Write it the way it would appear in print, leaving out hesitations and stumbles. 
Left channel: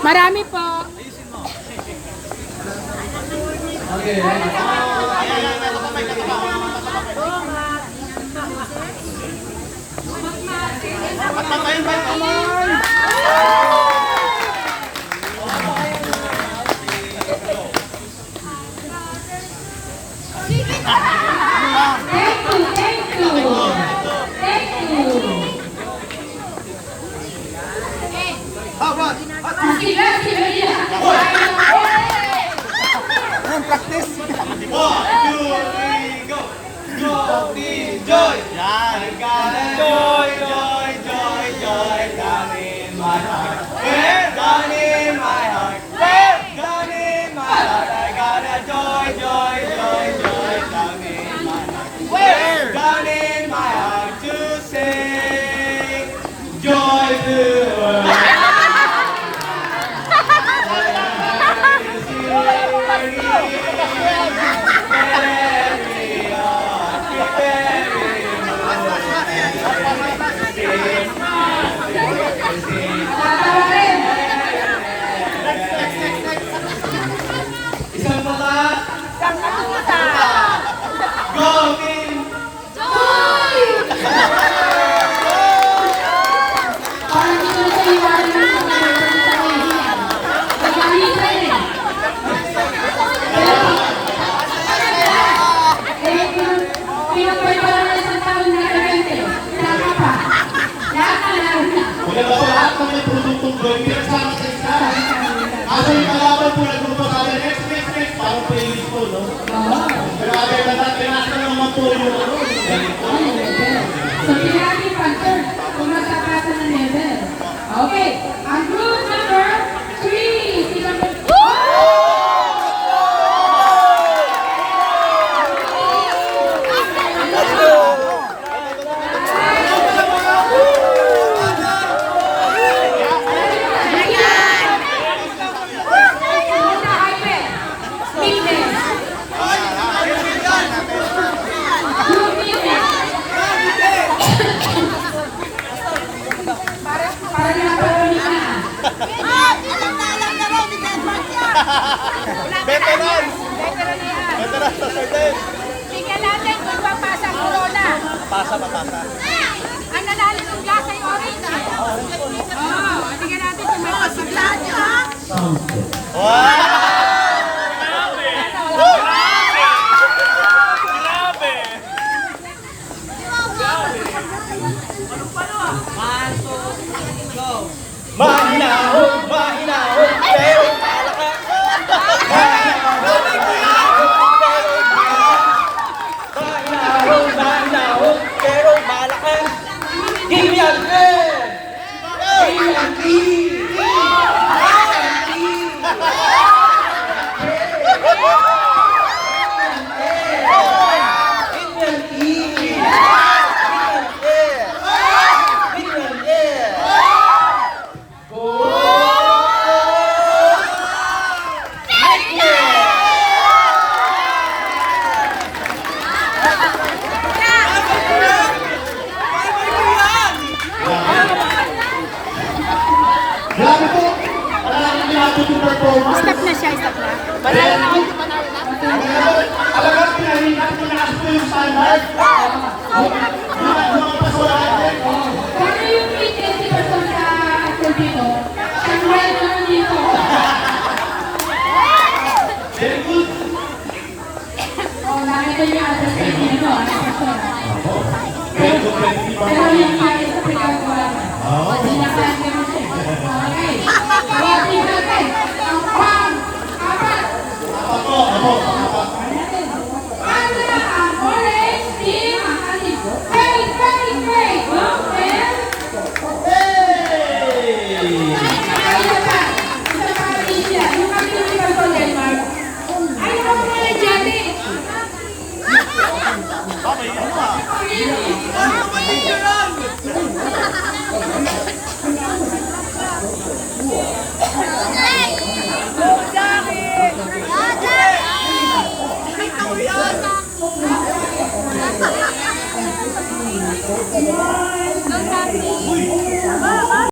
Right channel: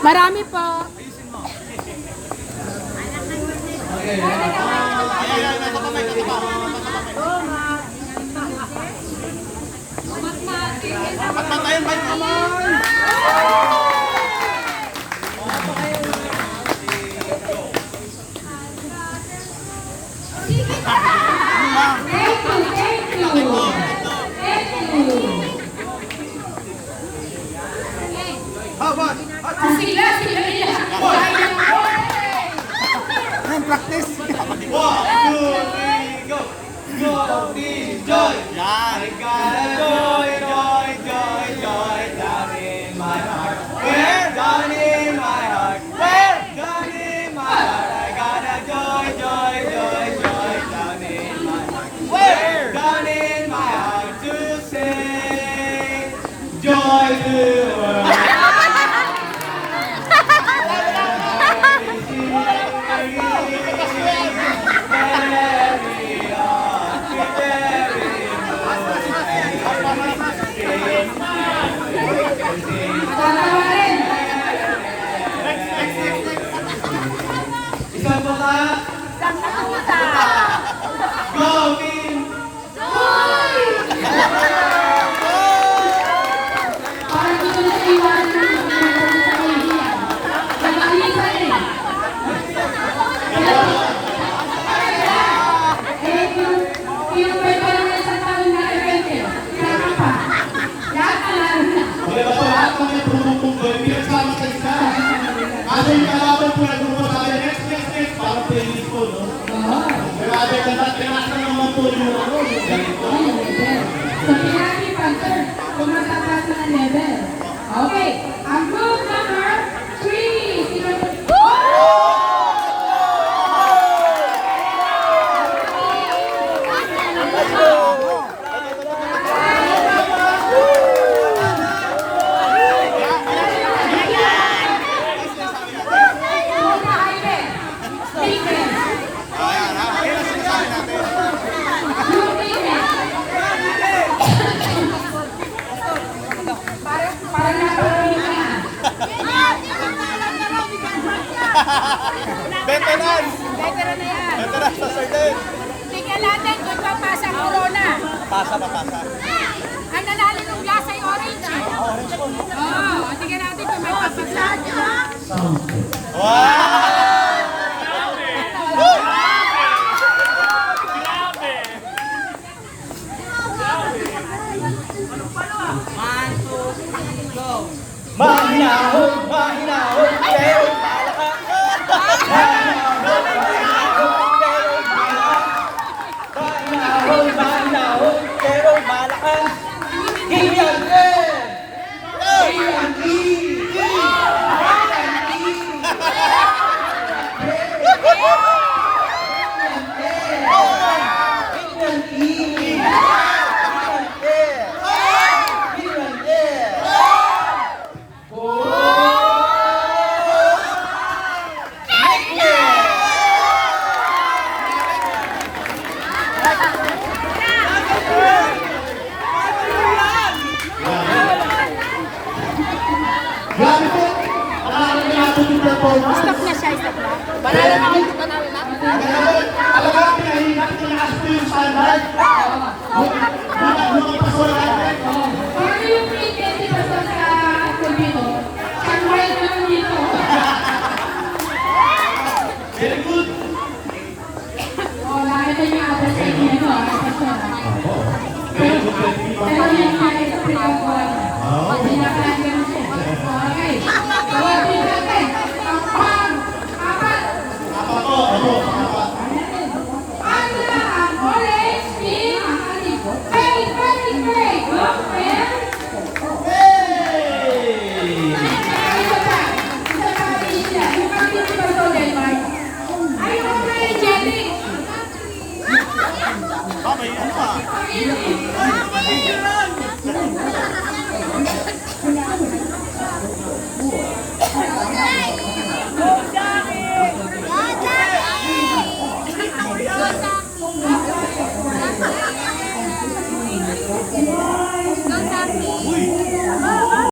Marami po. Okay. Practice. 1, 2, 3, go. Go, joy. I got a joy, joy, joy, joy down in my heart. Where? Down in my heart. Where? Down in my heart. I got a joy, joy, joy, joy down in my heart. Where? Down in my heart to sing joy to the world. Isang bata. Isang katuta. Go, team. Joy! Parang dito na sa iwanan ng mga pagkita ko yung hiyan. Naglalita rin. Pero, pinapay pa lang ng isang taon na evente. Kaka pa. Lahat na laro na. Maganda po lahat ng may produktong joy. Pinagsama sa isa. Asa yung kalaban po na grupo sabi, next. Parang playlist po, no? Oo. Grabe, tinas na naman po yung ano. Ganito. So, pinati Panther, kung magkakasa ng level. Okay, ang group number 3. Sila po. Veteran! Veteran sa Sardin! Tingnan natin kung papasa ang corona. Papasa. Ang nanalo ng glass ay orange. Tingnan natin kung may pasiglaan niya. Mahinahon, pero malakas. Mahinahon, pero malakas. Gilyante! Gilyante! Grabe po! Maraming pinatutong performance. Stop na siya, stop na. Panalo na kayo, panalo na. Talaga, pinahinap, tinaas po yung standard. Lumagpas wala natin. Paano yung 20% sa actual dito? Ang wild naman dito. Very good. Nakita niyo yung address kayo dito, Very good, 20. pero yung kaya sa pinagawa niya. Hindi na kaya